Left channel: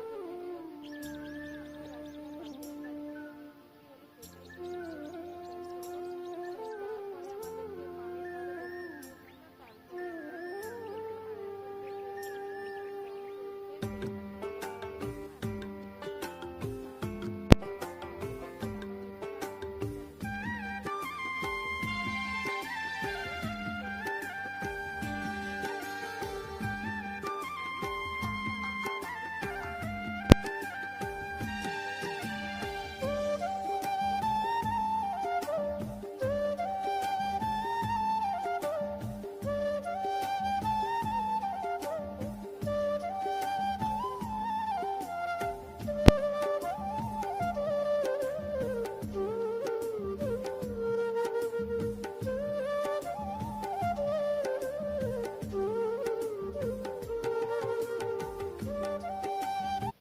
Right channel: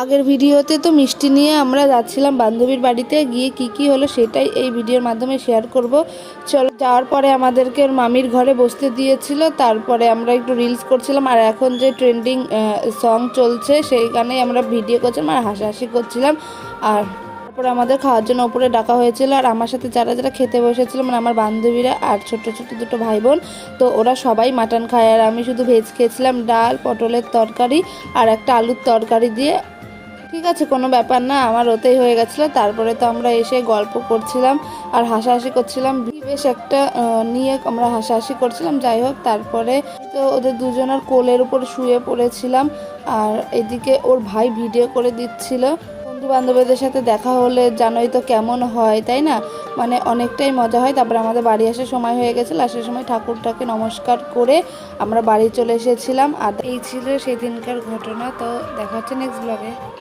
আগের ভিডিওতে তো মিষ্টি নিয়ে আমরা যাচ্ছিলাম বান্ধবীর বাড়িতে, গিয়ে কি হলো সেটাই এই ভিডিওর মাধ্যমে শেয়ার করব। চলো, যাওয়ার পরে আমাদেরকে ওর মামির ঘরে বসতে দিয়েছিল, তারপরে আমরা একটু রিলস করছিলাম, আর এখন যে ট্রেন্ডিং সং চলছে সেই গানেই আমরা ভিডিও করছিলাম আর হাসাহাসি করছিলাম। আর তারপরে আমাদের খাওয়ার জন্য ওপরে ডাকা হয়েছিল, আর আমার সাথে যারা যারা খেতে বসেছিল মানে আমার বান্ধবীরা আর ছোট ছোট দুটো ভাই বোন, তো ওরা সবাই মাটন খায় আর আমি শুধু ভেজ খেয়েছিলাম, ডাল, পটলের তরকারি আর একটা আলুর তরকারি দিয়ে। ঠিক আছে, কোনো ব্যাপার না, আমার ওতেই হয়ে গেছিলো। তারপরে তো আমরা এসে গল্প করছিলাম আর হাসাহাসি করছিলাম, বেশ একটা নিয়ে আমরা হাসাহাসি করছিলাম। যাই হোক, তারপরে তো ওদের দুজনের কোলের উপর শুয়ে পড়েছিলাম, আর এদিকে ওর ভাই ভিডিও করে দিচ্ছিল। বন্ধু বান্ধবীদের সাথে দেখা হলে জানোই তো কেমন হয়, তাই না? মানে অনেকটাই মজা হয়। তারপরে আমাদের বাড়ি আসার সময় হয়ে গেছিলো, আসার সময় ঠাকুরটাকে নমস্কার করে আমরা বাড়ি চলে এসেছিলাম। আর এই ছিল সেদিনকার ঘটনা। তো দেখা হচ্ছে নেক্সট ব্লগে।